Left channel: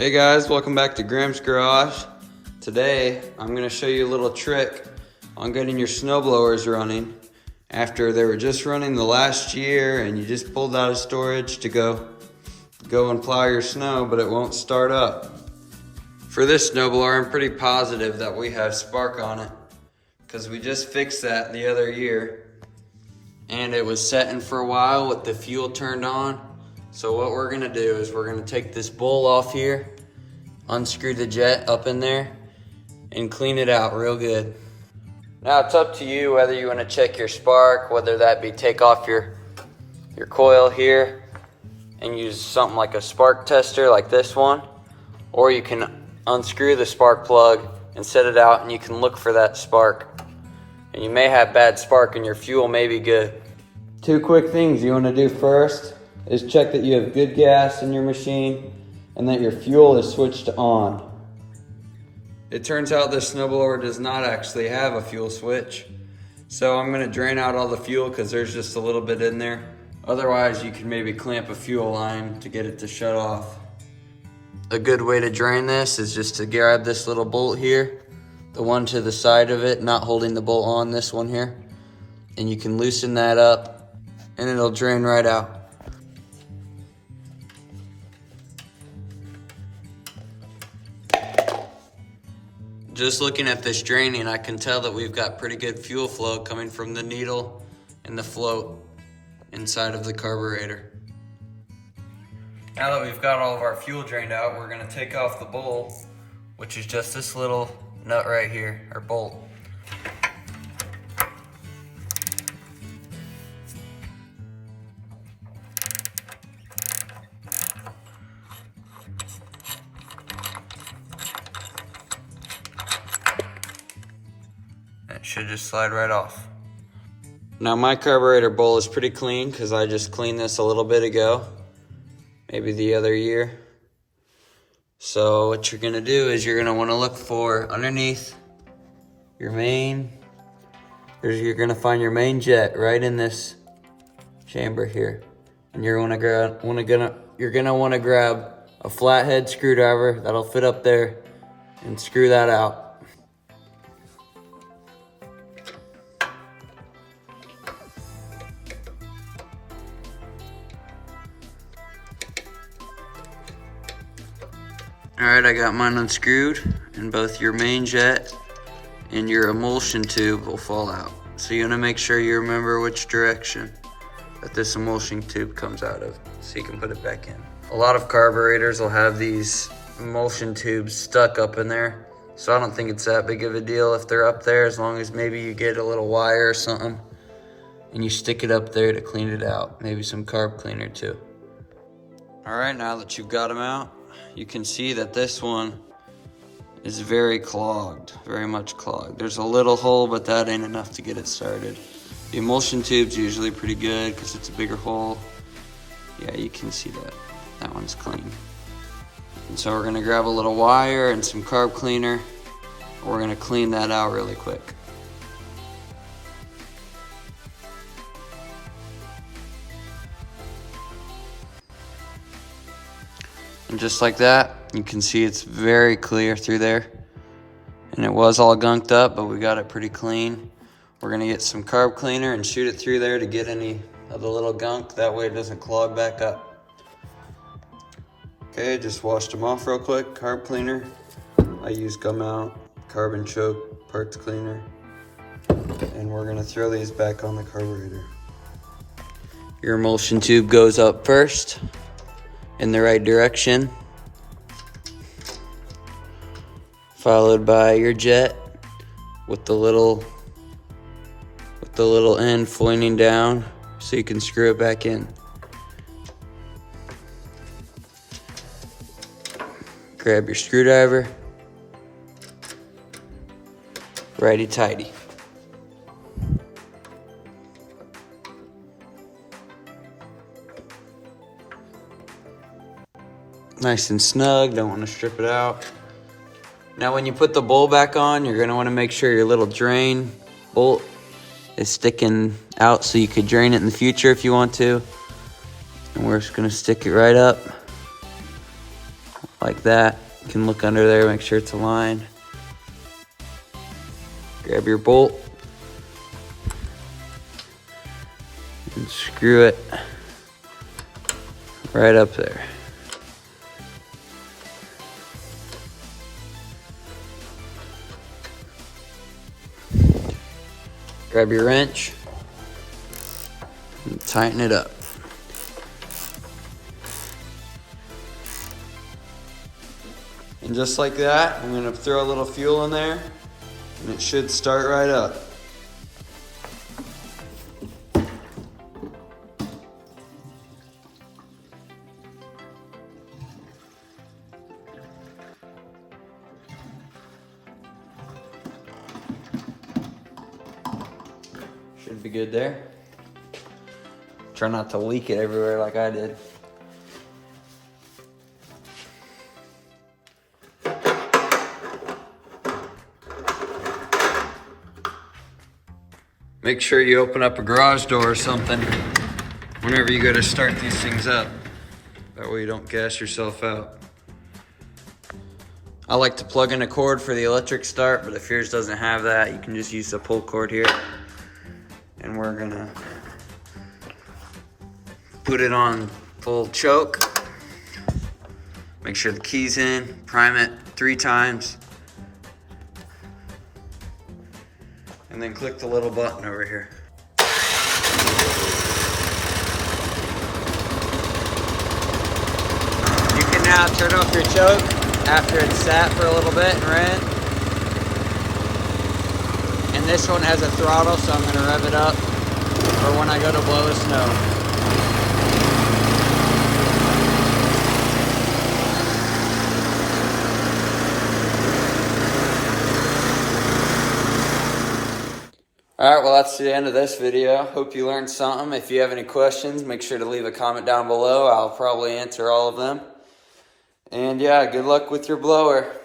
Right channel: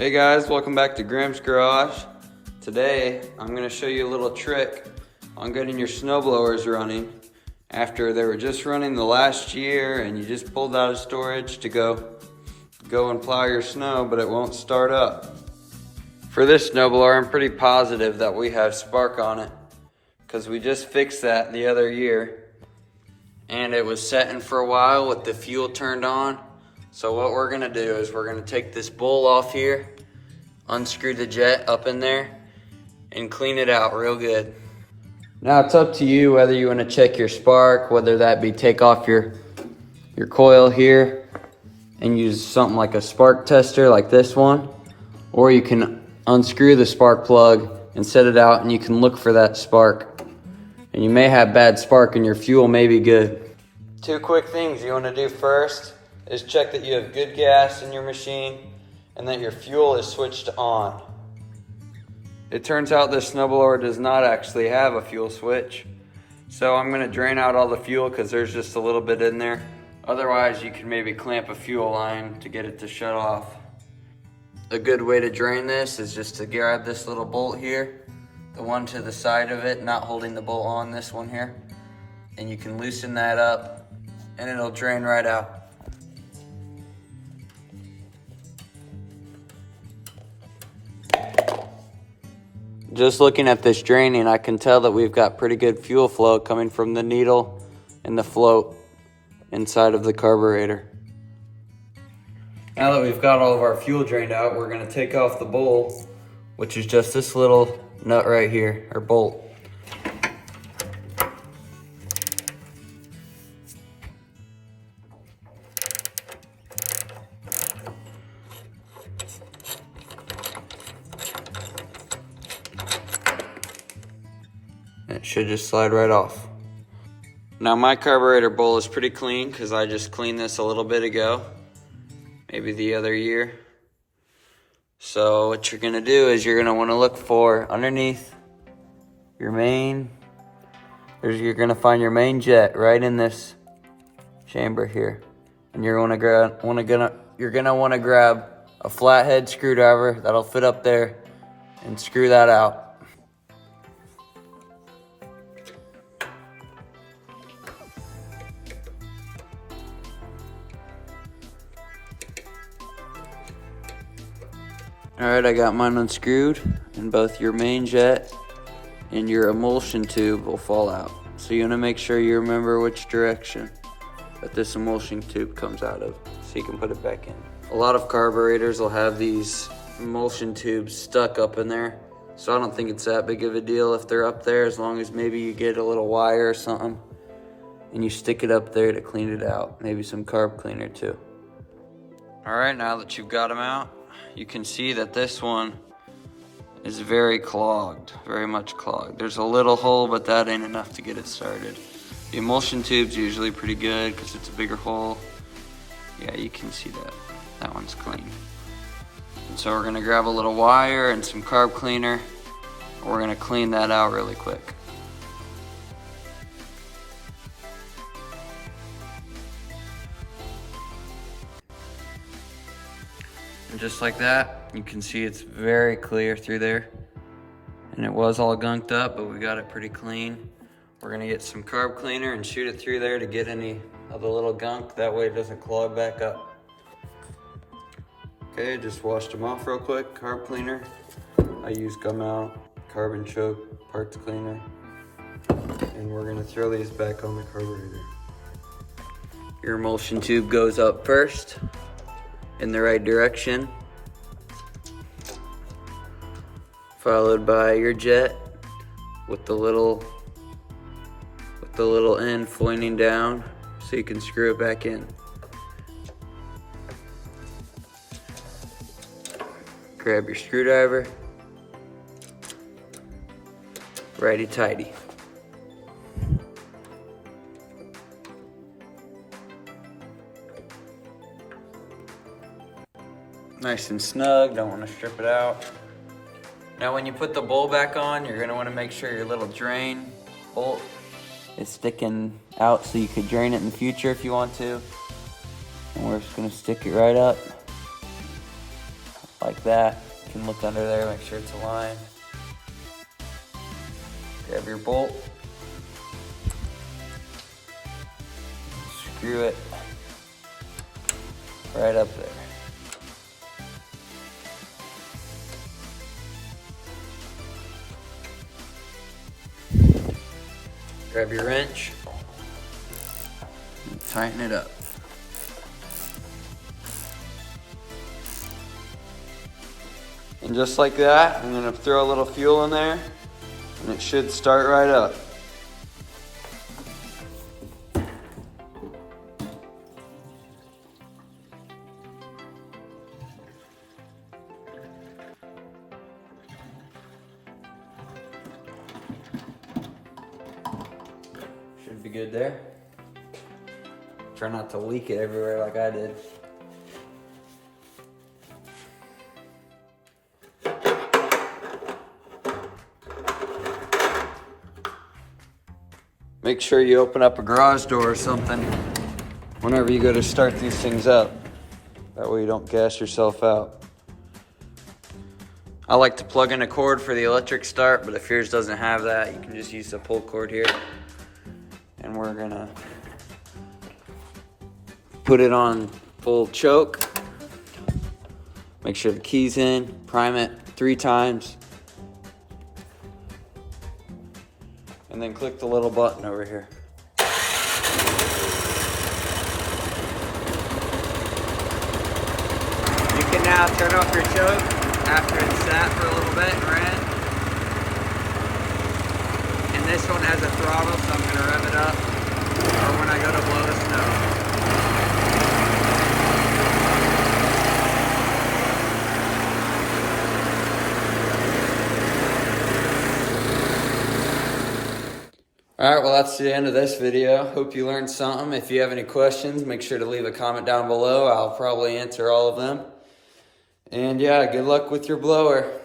Hey guys, welcome back to Graham's Garage. Today, I'm going to show you a little trick on getting your snowblowers running after they were just running the last year and you just pulled out of storage to go and plow your snow, but it won't start up. For this snowblower, I'm pretty positive that we have spark on it because we just fixed that the other year and it was setting for a while with the fuel turned on. So what we're gonna do is we're gonna take this bowl off here, unscrew the jet up in there, and clean it out real good. Now it's up to you whether you wanna check your spark, whether that be take off your coil here and use something like a spark tester like this one, or you can unscrew the spark plug and set it out and you can look for that spark. And you may have bad spark and your fuel may be good. Two quick things you wanna do first is check that you have good gas in your machine and that your fuel is switched on. It turns out this snowblower does not actually have a fuel switch. So I'm gonna drain out all the fuel because there's just a little bit in there. Otherwise, you can maybe clamp a fuel line to get it to shut off. A good way to drain this is just to grab this little bolt here, the one to the side of it, not holding the bolt on, this one here. And you can loosen that up and it'll drain right out. Just looking at this draining, I can tell that we've got pretty good fuel flow coming from the needle and the float inside of the carburetor. Now that we've got all of our fuel drained out, we're gonna take off the bowl, which is just this little nut right here, or bolt. It should just slide right off. Now my carburetor bowl is pretty clean because I just cleaned this a little bit ago, maybe the other year. So what you're gonna do is you're gonna wanna look for underneath your main, you're gonna find your main jet right in this chamber here. And you're gonna wanna grab a flathead screwdriver that'll fit up there and screw that out. Alright, I got mine unscrewed, and both your main jet and your emulsion tube will fall out. So you want to make sure you remember which direction that this emulsion tube comes out of, so you can put it back in. A lot of carburetors will have these emulsion tubes stuck up in there, so I don't think it's that big of a deal if they're up there, as long as maybe you get a little wire or something and you stick it up there to clean it out. Maybe some carb cleaner too. Alright, now that you've got them out, you can see that this one is very clogged, very much clogged. There's a little hole, but that ain't enough to get it started. The emulsion tube's usually pretty good because it's a bigger hole. Yeah, you can see that. That one's clean. And so we're gonna grab a little wire and some carb cleaner. We're gonna clean that out really quick. And just like that, you can see it's very clear through there. And it was all gunked up, but we got it pretty clean. We're gonna get some carb cleaner and shoot it through there to get any of the little gunk. That way it doesn't clog back up. Okay, just washed them off real quick. Carb cleaner. I use gum out, carbon choke, parts cleaner. And we're gonna throw these back on the carburetor. Your emulsion tube goes up first, in the right direction, followed by your jet with the little end pointing down so you can screw it back in. Grab your screwdriver, righty tighty. Nice and snug, don't want to strip it out. Now when you put the bowl back on, you're gonna want to make sure your little drain bolt is sticking out so you could drain it in the future if you want to. And we're just gonna stick it right up. like that. You can look under there, make sure it's aligned. Grab your bolt and screw it right up there. Grab your wrench and tighten it up. And just like that, I'm gonna throw a little fuel in there and it should start right up. Should be good there. Try not to leak it everywhere like I did. Make sure you open up a garage door or something whenever you go to start these things up. That way you don't gas yourself out. I like to plug in a cord for the electric start, but if yours doesn't have that, you can just use the pull cord here. And we're gonna put it on full choke. Make sure the key's in, prime it 3 times. And then click the little button over here. You can now turn off your choke after it's sat for a little bit and ran. And this one has a throttle, so I'm gonna rev it up for when I go to blow the snow. Alright, well that's the end of this video. Hope you learned something. If you have any questions, make sure to leave a comment down below. I'll probably answer all of them. And yeah, good luck with your blower.